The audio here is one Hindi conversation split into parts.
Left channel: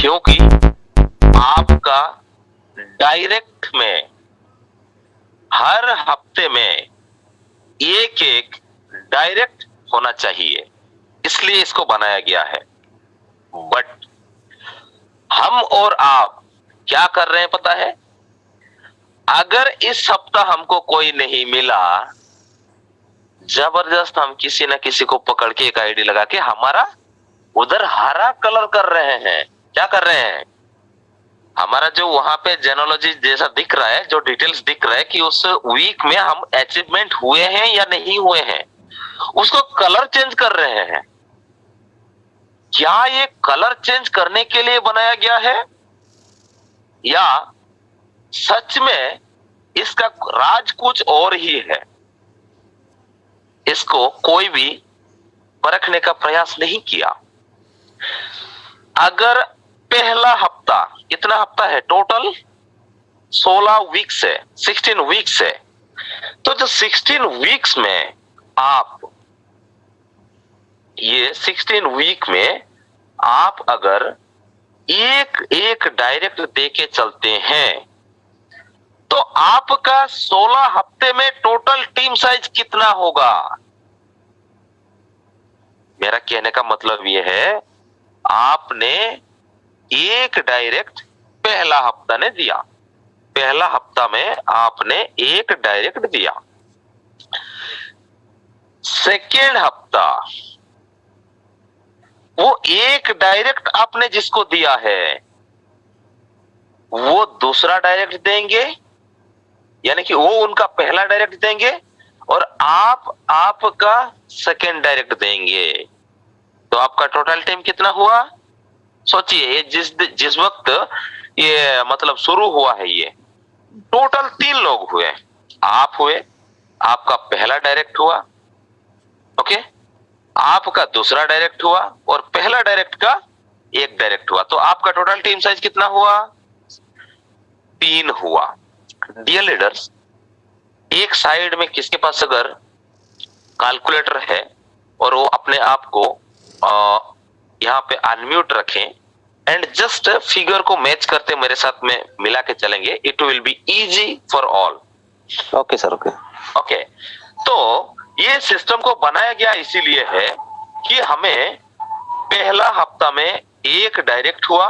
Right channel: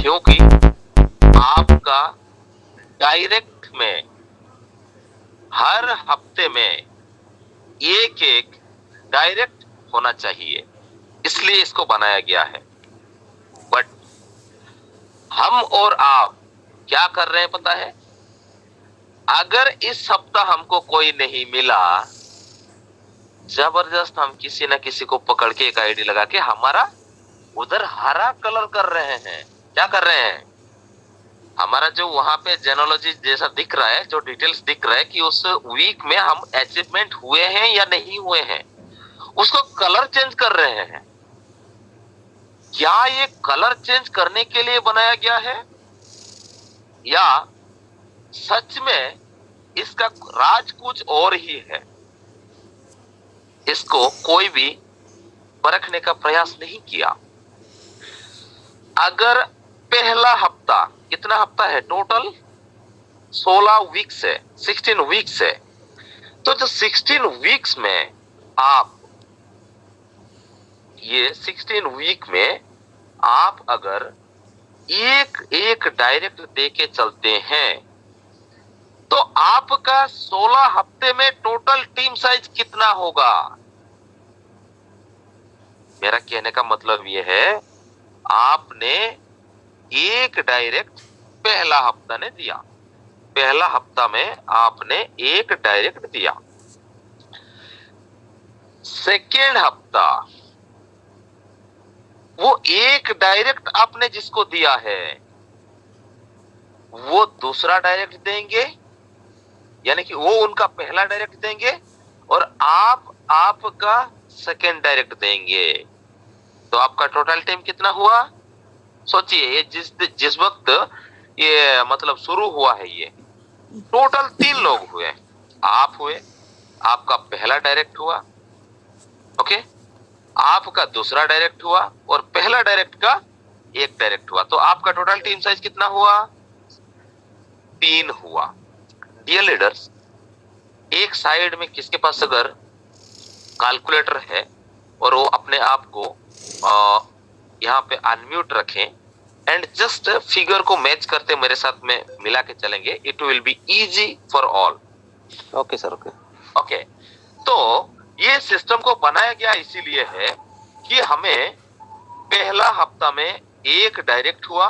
क्योंकि आपका डायरेक्ट में हर हफ्ते में एक एक डायरेक्ट होना चाहिए, इसलिए इसको बनाया गया है। बट हम और आप क्या कर रहे हैं पता है? अगर इस सप्ताह हमको कोई नहीं मिला, जबरदस्त हम किसी न किसी को पकड़ के एक आईडी लगा के हमारा उधर हरा कलर कर रहे हैं। क्या कर रहे हैं? हमारा जो वहां पे जेनोलॉजी जैसा दिख रहा है, जो डिटेल्स दिख रहा है कि उस वीक में हम अचीवमेंट हुए हैं या नहीं हुए हैं, उसको कलर चेंज कर रहे हैं। क्या ये कलर चेंज करने के लिए बनाया गया है या सच में इसका राज कुछ और ही है? इसको कोई भी परखने का प्रयास नहीं किया। अगर पहला हफ्ता, कितना हफ्ता है टोटल? 16 वीक्स है, 16 वीक्स है। तो जो 16 वीक्स में आप, ये 16 वीक में आप अगर एक एक डायरेक्ट दे के चलते हैं तो आपका 16 हफ्ते में टोटल टीम साइज कितना होगा? मेरा कहने का मतलब यह है, आपने एक डायरेक्ट पहला हफ्ता ने दिया, पहला हफ्ता में आपने एक डायरेक्ट दिया। सेकेंड हफ्ता वो एक डायरेक्ट आपने जिसको दिया है वो दूसरा डायरेक्ट देंगे, यानी कि वो उनका पहला डायरेक्ट देंगे और आप आपका सेकेंड डायरेक्ट देंगे। तो आपका टोटल टाइम कितना हुआ? सोचिए, ये जिस वक्त ये मतलब शुरू हुआ है, ये टोटल 3 लोग हुए। आप हुए, आपका पहला डायरेक्ट हुआ, ओके, आपका दूसरा डायरेक्ट हुआ और पहला डायरेक्ट का एक डायरेक्ट हुआ। तो आपका टोटल टीम साइज कितना हुआ? 3 हुआ। डियर लीडर्स, एक साइड में किसके पास अगर कैलकुलेटर है और वो अपने आप को यहाँ पे अनम्यूट रखें एंड जस्ट फिगर को मैच करते मेरे साथ में मिला के चलेंगे, it will be easy for all. Okay sir, okay okay. तो ये सिस्टम को बनाया गया इसीलिए है कि हमें पहला हफ्ता में एक डायरेक्ट हुआ,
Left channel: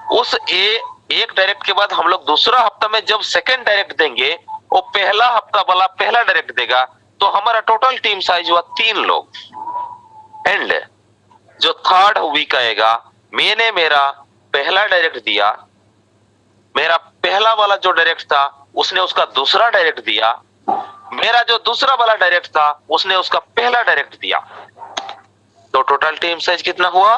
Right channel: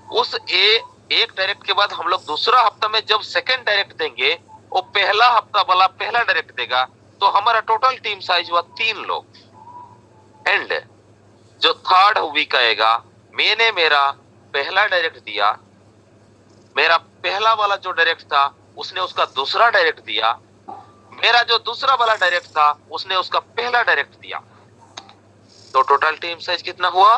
उस एक डायरेक्ट के बाद हम लोग दूसरा हफ्ता में जब सेकंड डायरेक्ट देंगे, वो पहला हफ्ता वाला पहला डायरेक्ट देगा, तो हमारा टोटल टीम साइज हुआ 3 लोग। एंड जो थर्ड वीक आएगा, मैंने मेरा पहला डायरेक्ट दिया, मेरा पहला वाला जो डायरेक्ट था उसने उसका दूसरा डायरेक्ट दिया, मेरा जो दूसरा वाला डायरेक्ट था उसने उसका पहला डायरेक्ट दिया। तो टोटल टीम साइज कितना हुआ?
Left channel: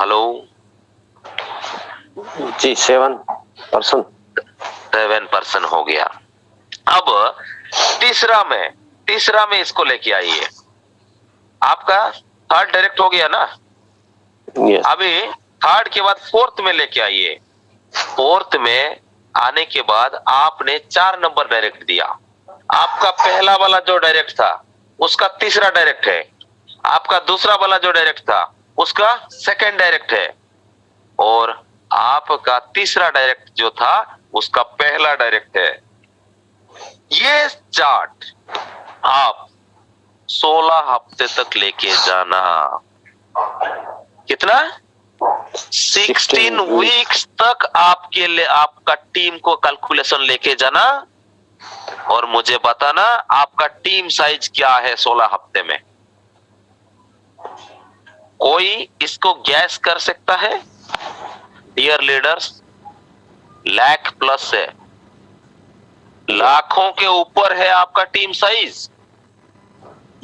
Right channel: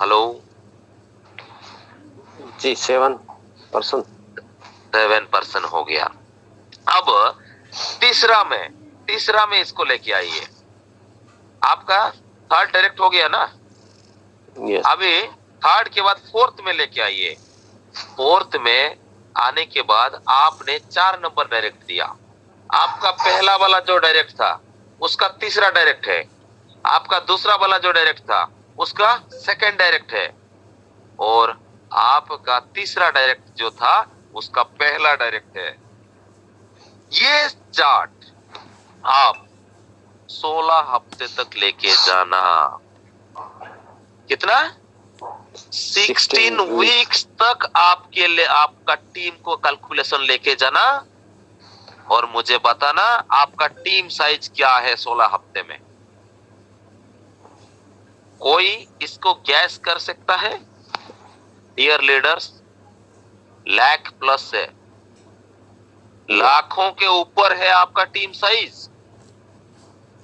हेलो जी, 7%। 7% हो गया। अब तीसरा में इसको लेके आइए। आपका थर्ड डायरेक्ट हो गया ना? यस। अभी थर्ड के बाद फोर्थ में लेके आइए। फोर्थ में आने के बाद आपने 4 नंबर डायरेक्ट दिया। आपका पहला वाला जो डायरेक्ट था उसका तीसरा डायरेक्ट है, आपका दूसरा वाला जो डायरेक्ट था उसका सेकंड डायरेक्ट है और आपका तीसरा डायरेक्ट जो था उसका पहला डायरेक्ट है। ये चार्ट आप 16 हफ्ते तक लेके जाना। कितना? 16 वीक्स तक आपके लिए आपका टीम को कैलकुलेशन लेके जाना और मुझे बताना आपका टीम साइज क्या है 16 हफ्ते में। कोई इसको गैस कर सकता है? डियर लीडर्स, लाख प्लस है, लाखों के ऊपर है आपका टीम साइज।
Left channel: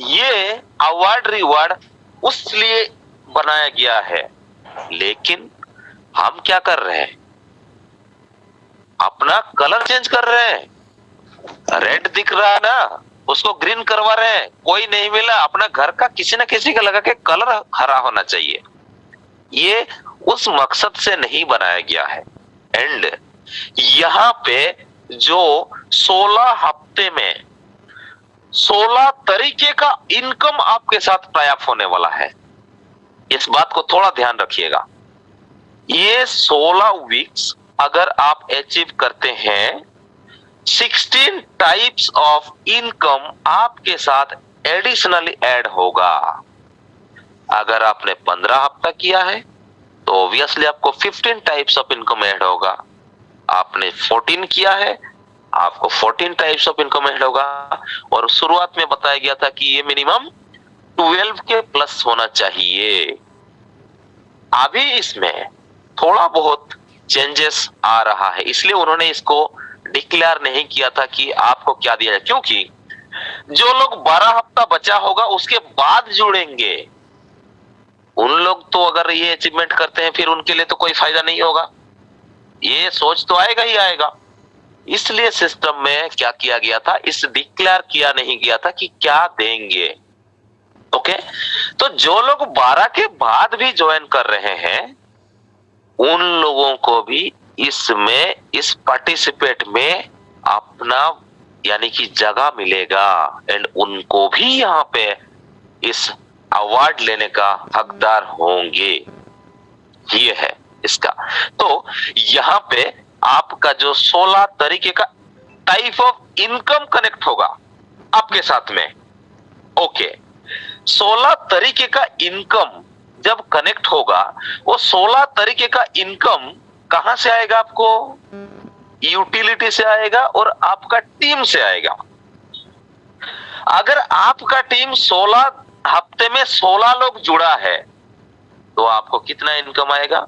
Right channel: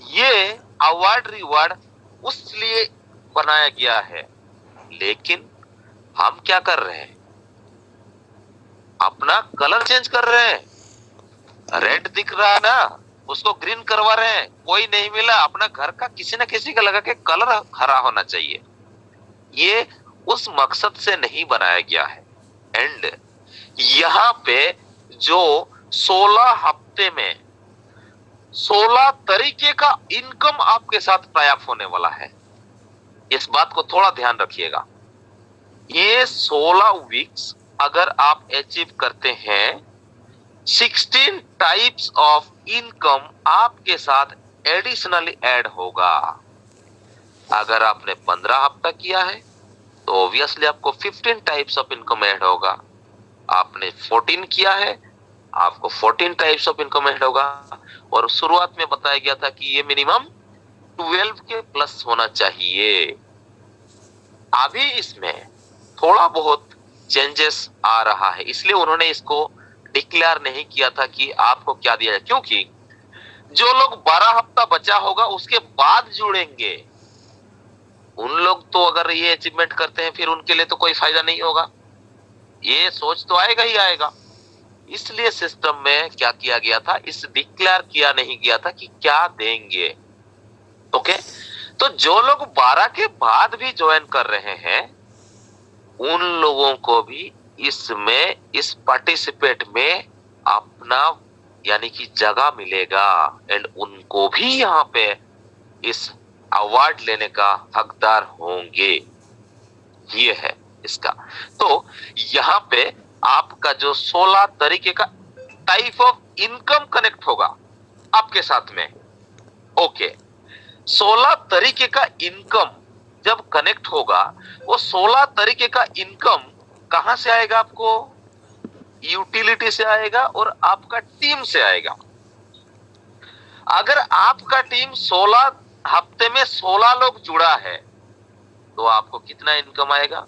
ये अवार्ड रिवार्ड उस लिए बनाया गया है, लेकिन हम क्या कर रहे हैं? अपना कलर चेंज कर रहे हैं। रेड दिख रहा है ना, उसको ग्रीन करवा रहे हैं। कोई नहीं मिला, अपना घर का किसी न किसी का लगा के कलर हरा होना चाहिए। ये उस मकसद से नहीं बनाया गया है। एंड यहाँ पे जो 16 हफ्ते में 16 तरीके का इनकम आपके साथ प्राप्त होने वाला है। इस बात को थोड़ा ध्यान रखिएगा। ये 16 वीक्स अगर आप अचीव करते हैं, 16 टाइप्स ऑफ इनकम आपके साथ एडिशनली ऐड होगा। अगर आपने 15 हफ्ता किया है तो ऑब्वियसली आपको 15 टाइप्स ऑफ इनकम ऐड होगा। आपने 14 किया है, आपको 14 टाइप्स ऑफ इनकम ऐड होगा। और शुरुआत में बताया गया था कि ये मिनिमम 12 के प्लस होना चाहिए। अभी इसमें थोड़ा बहुत चेंजेस आ रहा है, इसलिए उन्होंने इसको डिक्लेयर नहीं किया था कि आपको क्या दिया है, क्योंकि जो लोग 12 हफ्ता बचा होगा उसके बाद जुड़ेंगे, उन लोग तो अगर ये अचीवमेंट करते हैं फिर उनके लिए तो कोई फायदा नहीं होगा। ये सोच तो आएगा ही आएगा। इसलिए सिस्टम में क्या किया गया था, इस डिक्लेयर किया नहीं गया था कि क्या देंगे। ओके, तो जो लोग 12 के बाद भी ज्वाइन कर रहे हैं उन लोगों को भी इसमें, इस पार्टिसिपेट में अपना यानी कि जगह मिलेगा एंड उनको भी यहाँ पे इस अवार्ड लेने का हकदार होंगे। ये है इसका। तो यहाँ पे आपका जो 16 तरीके का टाइप ऑफ इनकम कनेक्ट होगा आपके साथ में। ओके, 16 तरीके का इनकम जब कनेक्ट होगा, वो 16 तरीके का इनकम कहां से आएगा? आपको यूटिलिटी से आएगा और आपका टीम से आएगा। अगर आपका टीम 16 हफ्ते में 16 लोग जुड़ा है तो आपको कितना इनकम आएगा?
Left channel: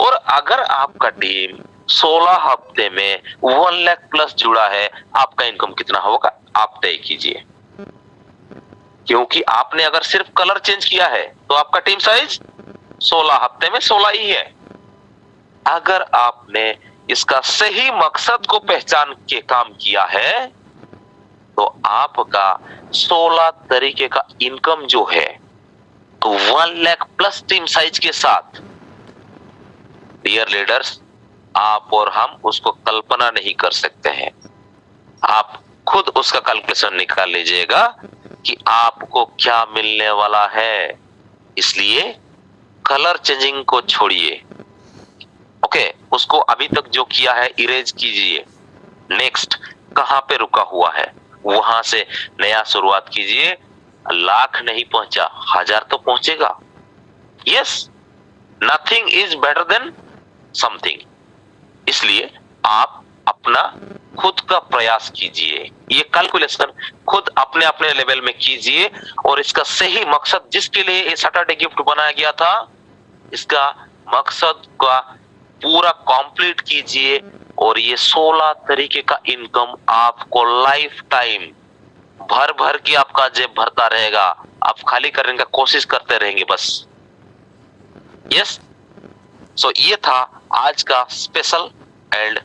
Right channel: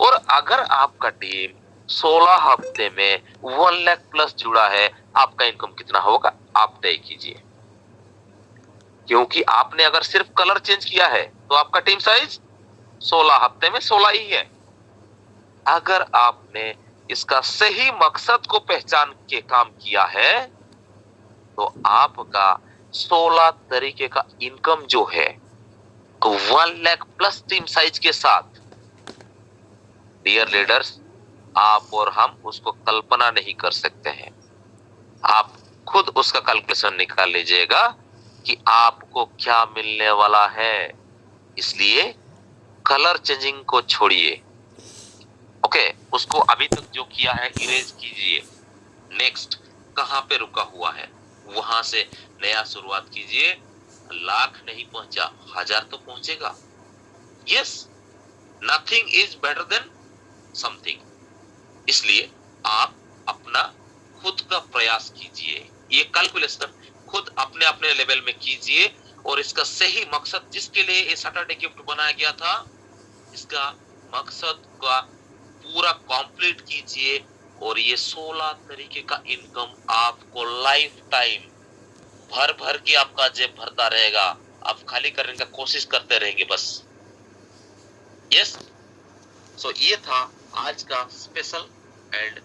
और अगर आपका टीम 16 हफ्ते में 1 लाख प्लस जुड़ा है, आपका इनकम कितना होगा आप तय कीजिए। क्योंकि आपने अगर सिर्फ कलर चेंज किया है तो आपका टीम साइज 16 हफ्ते में 16 ही है। अगर आपने इसका सही मकसद को पहचान के काम किया है तो आपका 16 तरीके का इनकम जो है तो 1 लाख प्लस टीम साइज के साथ, डियर लीडर्स, आप और हम उसको कल्पना नहीं कर सकते हैं। आप खुद उसका कैलकुलेशन निकाल लीजिएगा कि आपको क्या मिलने वाला है। इसलिए कलर चेंजिंग को छोड़िए। ओके, उसको अभी तक जो किया है इरेज कीजिए। नेक्स्ट कहां पे रुका हुआ है वहां से नया शुरुआत कीजिए। लाख नहीं पहुंचा, 1000 तो पहुंचेगा। Yes, nothing is better than something. इसलिए आप अपना खुद का प्रयास कीजिए, ये कैलकुलेशन खुद अपने अपने लेवल में कीजिए और इसका सही मकसद जिसके लिए ये सैटरडे गिफ्ट बनाया गया था, इसका मकसद का पूरा कंप्लीट कीजिए और ये 16 तरीके का इनकम आपको लाइफ टाइम भर भर के आपका जेब भरता रहेगा। आप खाली करने का कोशिश करते रहेंगे बस। यस, सो ये था आज का स्पेशल एंड